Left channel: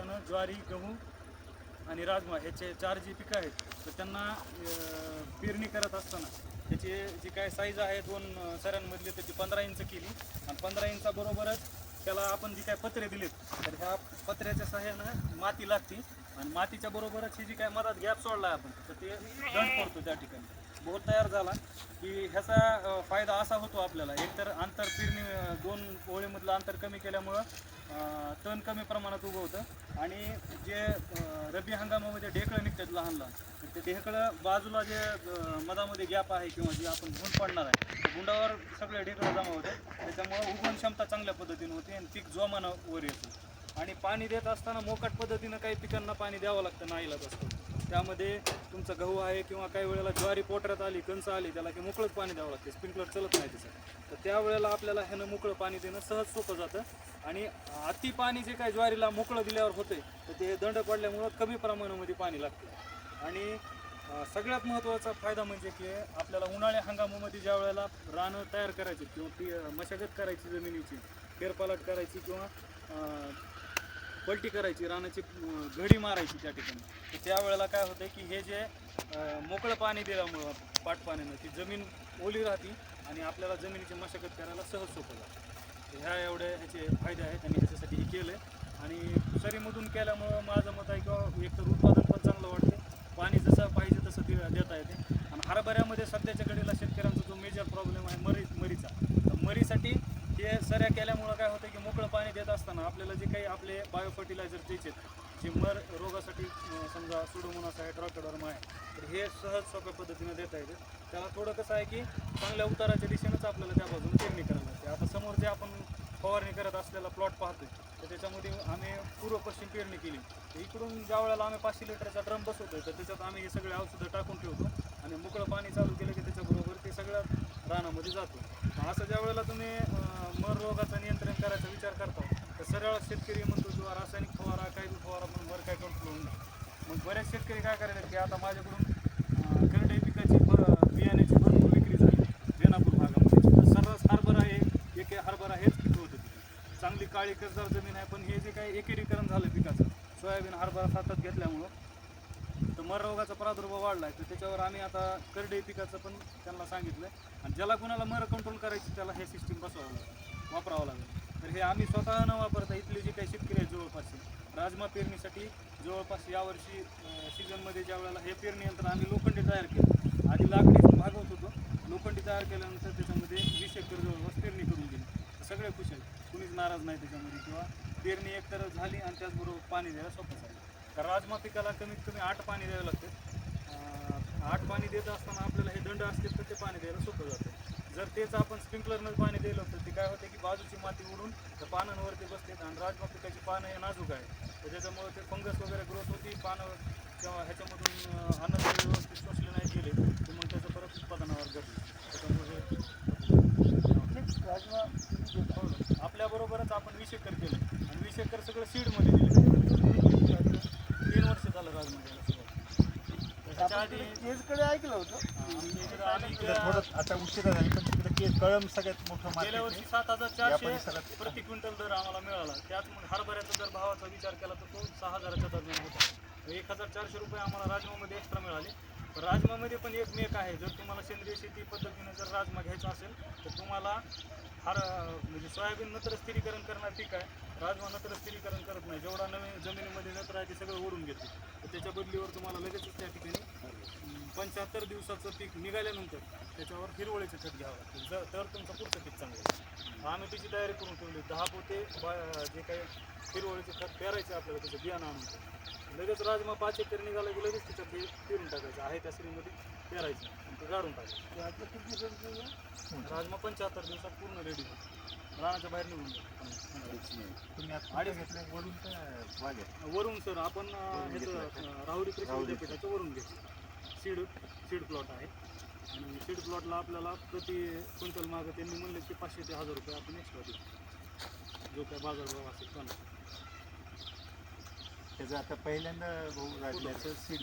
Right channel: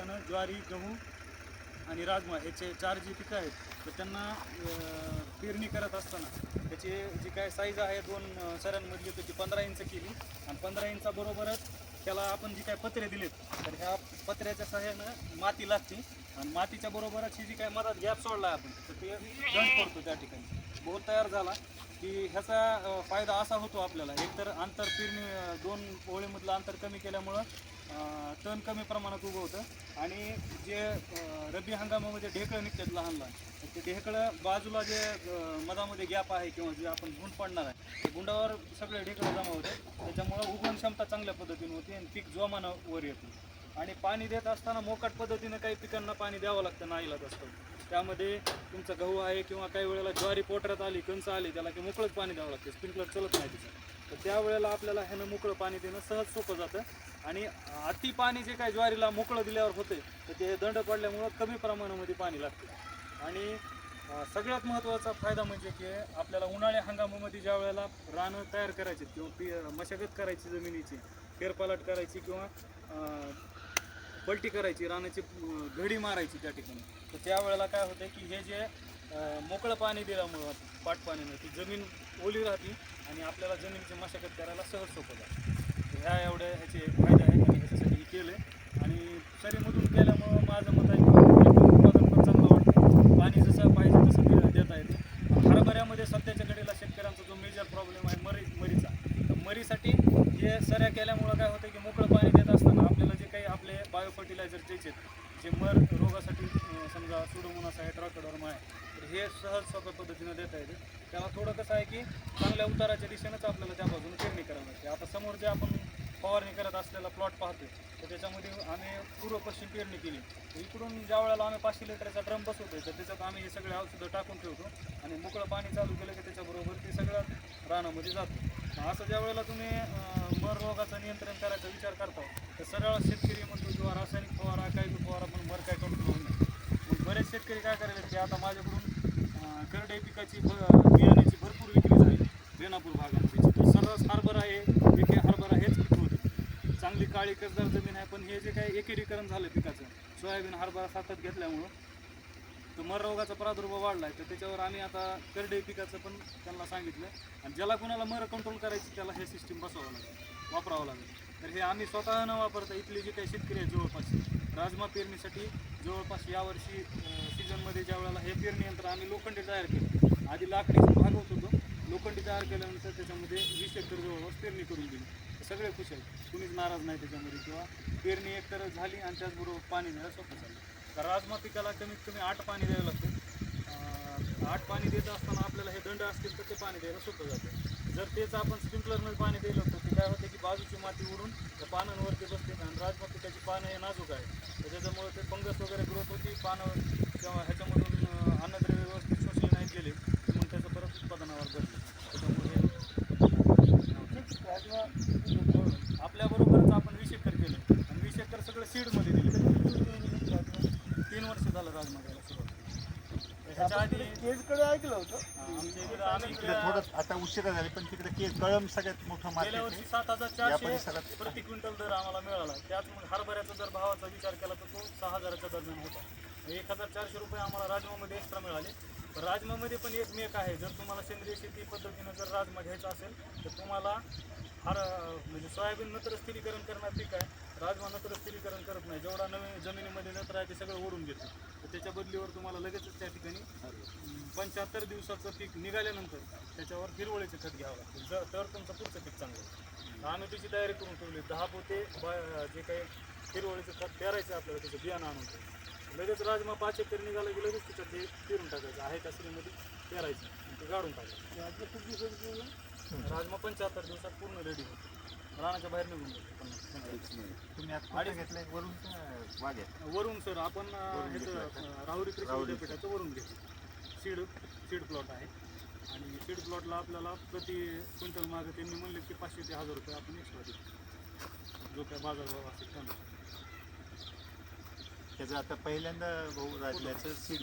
पिकानं ज्वारी गहू आणि राजमा ह्याचे चार जी पिकं आहेत तर त्यांना पेरणी करत असताना त्याची जी काय साईज आहे दोन सऱ्यांमधली तर ती पंधरा इंच केली. आणि पंधरा इंचाबरोबरच त्याला आपण जी काय पत्रे दिलेत तर ह्या पत्र्याच्या सहाय्यानं माती लागते. आणि मातीच्या बरोबरच ही जी काय मधात गॅप सोडला आहे आपण तर ते दंड पडतो त्या ठिकाणी. बोर तयार झाला की ह्याचा फायदा असा होतो आपल्याला. एकतर अंतर पेरणी दोन ओळीमधलं अंतर कमी केल्यामुळं तण कमी प्रमाणात उगवतं. आणि जे रब्बी हंगामामध्ये ढेकळं निघतात लहान लहान ते ढेकळं बाजूला जे मधामध्ये गॅप आहे किंवा जे आपण गुंड पडणार आहे त्या गुंडावर सगळे ढेकळं जमा होतात. त्याच्यामुळं उगवण क्षमता चांगल्या पद्धतीने होते आणि पीक जोमानं वर येतं. आणि पाणी देत असताना मोकाट पद्धतीनं काही पिकांना पाणी द्यावं लागतं नाईलाच असतं. त्यामध्ये तुमचा गहू आहे किंवा काही वेळेला ज्वारी पोटऱ्यात आली कंच आली त्याला की मोकळंच पाणी द्यावं लागते स्प्रिंकलर चलत नाही तिचं तर त्यावेळेला आपल्याला ह्यानं मोकळं पाणी देणं सहज सोपं जातं. आणि अति पाणी जे काही ज्वारीला मोकळं दिल्यावर होते तर ते दंड पडल्यामुळं कमी प्रमाणामध्ये पाणी लागते. आणि सगळ्यात महत्त्वाचा फायदा म्हणजे की आपल्याला उन्हाळ्या हंगामामध्ये ज्या वेळेला रानं तयार करायची किंवा मशागत करायची जमिनीची फेरपालट करायची किंवा पलटी करायची रानाची घडी मारायची त्या ठिकाणी. तर त्यावेळेला काय होतं की हे जे मोकळं पाणी दिल्यामुळं पाटपाण्यानं ती जमीन ओली राहते आणि आपल्याला जमिनीची मशागत करायला सहज सोपं जातं. तर ह्या एवढ्या ह्याचे फायदे आहेत आणि ह्याच्यासाठी हे केलं आणि सरीमधून केल्यामुळे माझं मत आहे की एकदम उत्पादन पण चांगलं वाटतं पाणी जसं पाहिजे तसं दे- देता येते आणि हरभऱ्यामध्ये सध्याच्या घडीला शेतकऱ्यांचा जो मेजर प्रॉब्लेम आहे मरी मरीचा तर मरीसाठी हे सऱ्या केल्यामुळं काय होतं की मोकळं पाणी देत असताना आपल्याला जे काही आपले बायो फर्टिलायझर द्यायचे जे मर रोगासाठी समजा सुडोमोनास आहे ट्रॉकडॉर्म आहे तर हे सहज सोप्या पद्धतीनं देता येते. त्याला थोडं कसं आहे की चांगल्या उताराच्या दिशेनंच आपल्याला त्या बाजून पेरणी करावी लागते. आता समोर जे आपण फवारणी करत असलेला प्लॉट पाहतोय तर त्याच्यामध्ये आम्ही पूर्व पश्चिम पेरणी केली. तर इकडून ज्या वेळेला आम्ही पाचशे लिटरचा ड्रम बसवतोय तर त्याच्यात आम्ही हे सगळे औषधं टाकून ठेवतो आणि मोकळं पाणी चालू केलं की त्याच्याबरोबर ते सगळ्या रानामध्ये जातो. असं ज्या वेळेला तुम्ही मर रोगाचं नियंत्रण करायचा विचार करता तर सरळ शेतकरी म्हणतो किंवा रासायनिक फवारा काही बी फवारा पण मर काय कंट्रोल होऊ नाही. मग बरेच शेतकरी काय करायला की आता माझ्याकडून अं, पिकाची ब- बियाण्याची भरपूर विक्री झाली रेणापूर भागामध्ये. तर सर्रास हरभरा आहे एके हरभरा हेच पिक होतं. चांगली काळी कसदार जमीन आहे पण हे जे काही एकेरीकरण झालं पिकाचं सोयाबीन हरभरा सातत घेतल्यामुळं तर मर रोगाचा प्रादुर्भाव वाढला आहे तर त्याच्यावर आम्ही आता करडई पिकाचं पण त्यांना सांगितलं. आणि ज्याला कुणाला मर कंट्रोल करायची त्याला हे सिस्टीम बसवावं लागेल वापरावं लागेल. तर हे आम्ही स्वतः न वापरता इथले जे काही शेतकरी आहेत जवळपास राजमा पेरणीसाठी जवळपास यावर्षी सीझनमध्ये ज्या वेळेला हे पेरणी यंत्र आम्ही लोखंडी तयार केलं. आधी लाकडी भागवत होतो. लोखंडी तयार केल्यानंतर त्याच्यामध्ये वीस एकर जवळपास पेरणी करून दिली. तर सगळे खुश आहेत. कुणीच नाराज नाही त्याच्यामध्ये. किंवा पेरणी एकतर झाली आणि त्याचबरोबर पाणी द्यायला सोपं झालं. तर राजमा पिकाला कमीत कमी आठ पाणी द्यावे लागते आठ पाणी देत असताना आपल्याला हे दंड असतील तर ते पाणी द्यायला सोपं जातं. जर तेच आपण स्प्रिंकलरनं पाणी दिलं तर ते काय होते की बाजूची माती उडून त्या पानांवरती बसते आणि राजमा पिकाची पानं हे नाजूक आहे. तर त्याच्यामुळे ते फंगस वगैरे ग्रोथ होती पानं किंवा ह्याच्यामधून अन्न व्यवस्थित शोषले नाही गेले तर मग त्याचं परत उत्पादनावर घडलं त्याच्यामुळे हे आपल्याबरोबरच आपण वीस एकर केलं आणि वीस एकर सगळं सीडमध्ये दिलं तीन वर्ष झालं राजमा घ्यायला सुरुवात तर ह्याच्या आधी केजकडे ऐकलं होतं. हा, आमच्या इकडं आम्ही तिकडे गेल्या थोडं आता उशिरा झाली पण तिकडे के कळम सगळ्यात मोठं गेल्या वर्षी सात हजार या चारशे परिसरात प्रति क्विंटल दर आम्हाला मिळाला. त्यात मग हरभऱ्याचा जर भावाचा विचार केला तर तो सहा हजाराच्या दरम्यान होता. एक हजार चारशे रुपये आम्हाला राजमामध्ये एक्स्ट्रा मिळाले. पण राजमामध्ये पण एक मेक आहे. जर तुम्हाला सेंद्रिय शेती पद्धतीनं जर राजमा घ्यायचा असेल तर तुम्हाला हर म्हणजे सोयाबीन नत्र स्थिरीकरण करणार पीक आहे. राजमा नत्र स्थिरीकरण करत नाही. जेवढा नवीन जमिनीमध्ये नत्र आहे ते सगळं ओढून घेते. तर त्याच्या बदलीवर तुम्हाला लगेचच त्या ठिकाणी पंच्याहत्तर दिवसाचं पीक निघाल्यानंतर त्याच्यावर हिरवळीचं खत घ्यावं लागतं. जर तर तुमचं पुढचं पीक चांगलं. आम्ही त्याची तयारी करून ठेवली. दहा पोते बा- जे काही हिरवळीचं खत पेरायचं आपल्याला त्याचं बियाणं आणून. लगेच राजमा पाच एकर निघाला की लगेच त्याच्यात ते पेरून टाकायचं. आहे त्या श्रीमध्ये पेरायचं आणि ते गाडून टाकायचं? राजमा पंच्याहत्तर दिवसात पूर्ण रेडी होतो. रानाच्या बाहेर निघून. तुम्ही कुठे घेतलंय? वरून वाघ्या वरून सर आपण ह्याचं घेतलं. राहुरी कृषी. विद्यापीठाचं वरून घेतलं सीड सीड प्लॉट आहे. आणि सीड प्लॉटला आपल्याला प्रति क्विंटल मागं त्यांनी म्हणले की पाचशे ते हजार रुपये आपण एक्स्ट्रा देऊ. जो काय बाजारभाव असेल त्यानुसार. त्याचं आता पहिल्यांदा भाऊ राजल्याचं सीड